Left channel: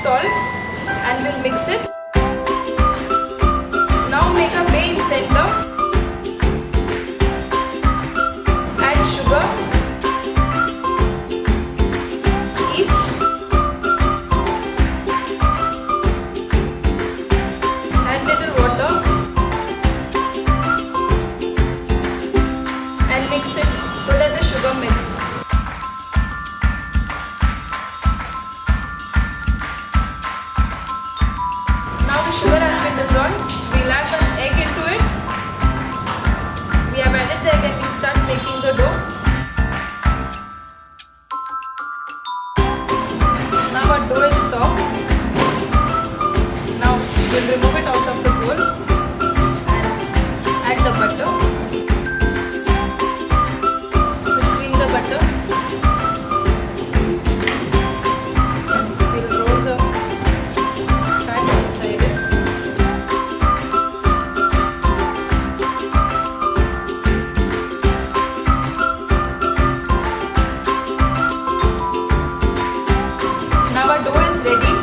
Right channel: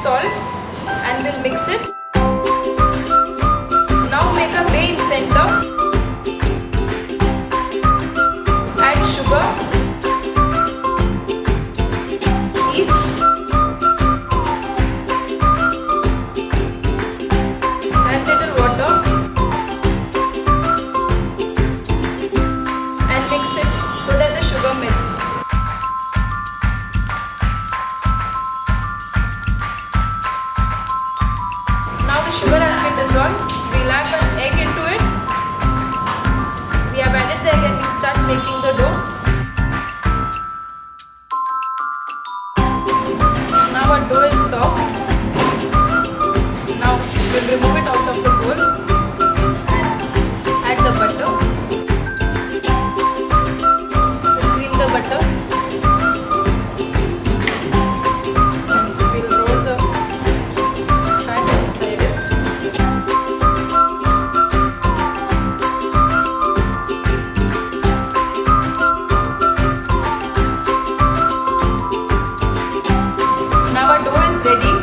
salt and we'll mix it. Now make a bay in center. Add sugar, yeast, and little water, and mix it so that the sugar melts. Now the sugar has been dissolved. We'll add an egg into it. We have added the egg and we'll start making the dough. Now our dough is soft. Now we'll remove it out of the bowl and add the butter. We'll cream the butter and we'll roll the fat inside it. Now our dough is ready.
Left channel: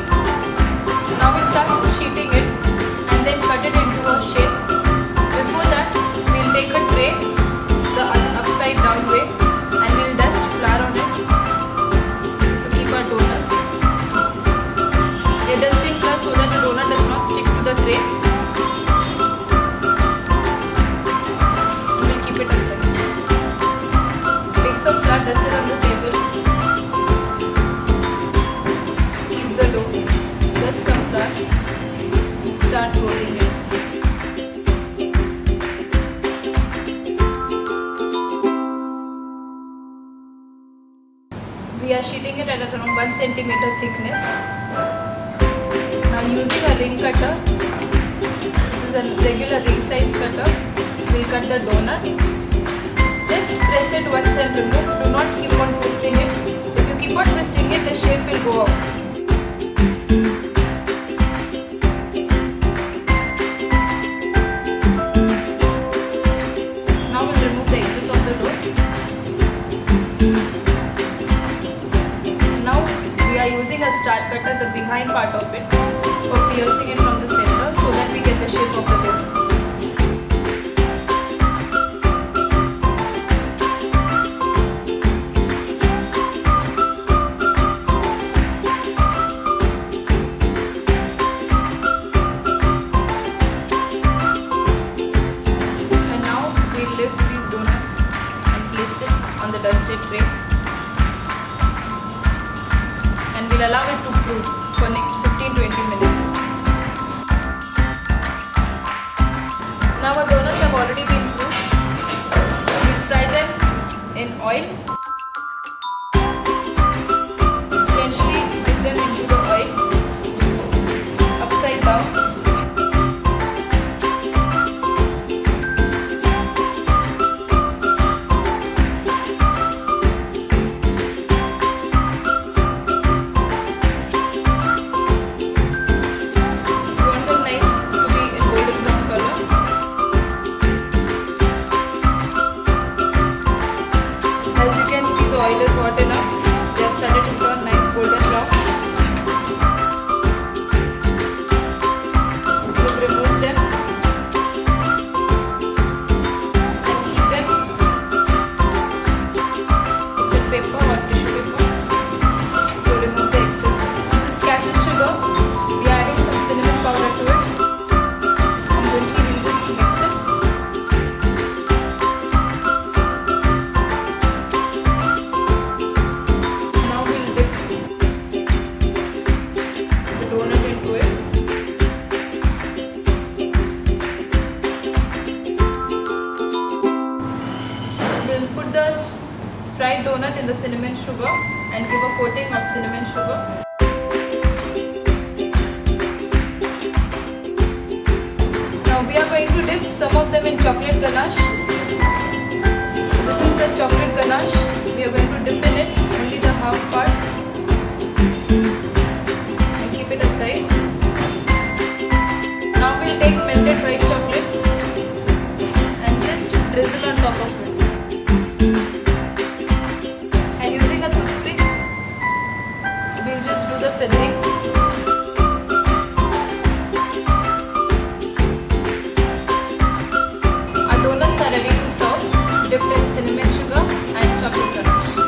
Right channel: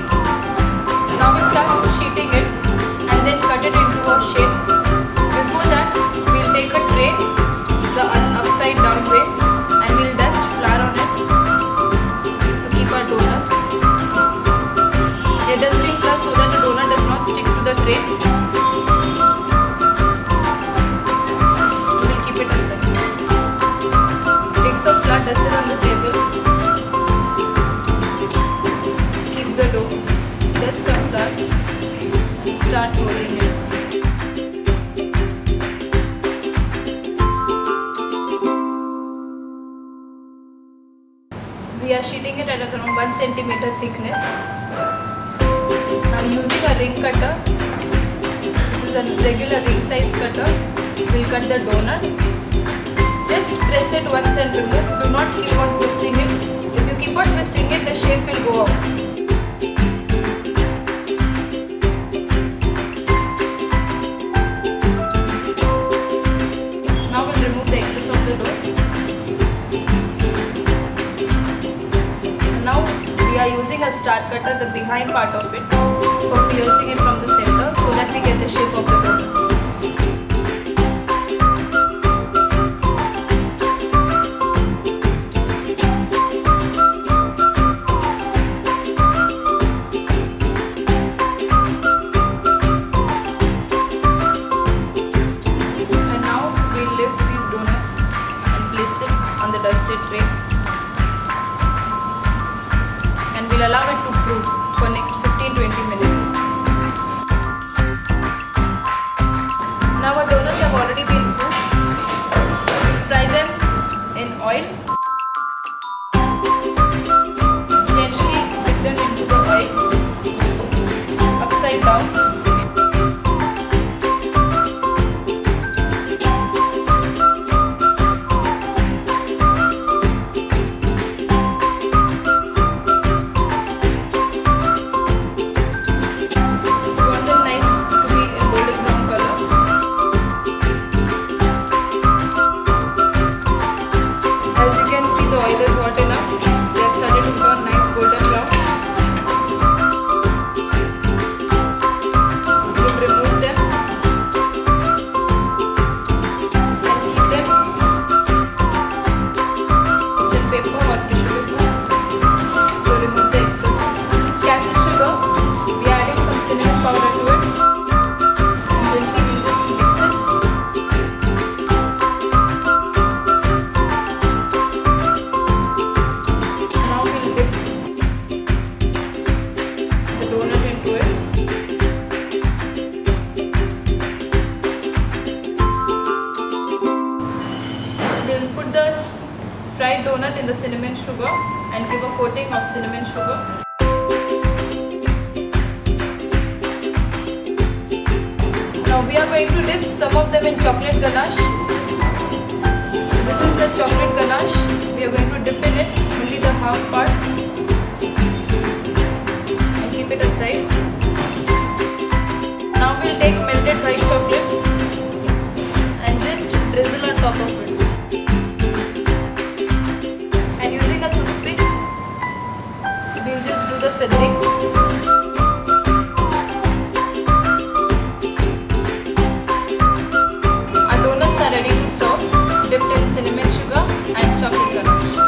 Now we'll start sheeting it and then cut it into a shape. Before that, we'll take a tray the upside down way and we'll dust flour on it to keep our donuts. We're dusting flour so that the donut does not stick to the tray. And we'll keep it aside. Take some flour dusted on the table. The dough, dust some flour and start rolling it. We are sheeting it at around 1 centimeter thickness. Now using a ring cutter, this is a regular ring size cutter, we'll cut the donut. Just press it once and remove. Do not keep on twisting it. If you keep on twisting it, the shape will go out. Now we'll remove the excess of the dough. And now we are using a star cutter, the behind part of it, for piercing it from the center so that we get the shape of the donut. We'll lift these donuts and place it on the dusted tray and we'll allow it to cool for next 15-20 minutes. Now our donuts have already been cooked. We'll fry them in oil. Gently dip them into the oil upside down. As you can see, the oil is hot enough. They have started to turn nice golden brown. We'll remove them and keep them kitchen paper or tissue paper to remove the excess. This is cashew sugar. We are adding some cinnamon powder to it and gently we'll just mix it. Donut into it. We'll put the fried donut in the cinnamon sugar and give a coating of cinnamon sugar. Now we are going to dip some of them in chocolate ganache. This is the chocolate ganache. We are going to dip in it only the half part. Keep it aside. Now we'll take melted white chocolate and just drizzle on top of it. And using a toothpick, we'll just do the feathering. Donuts are ready to serve, dipped in cinnamon sugar and chocolate ganache.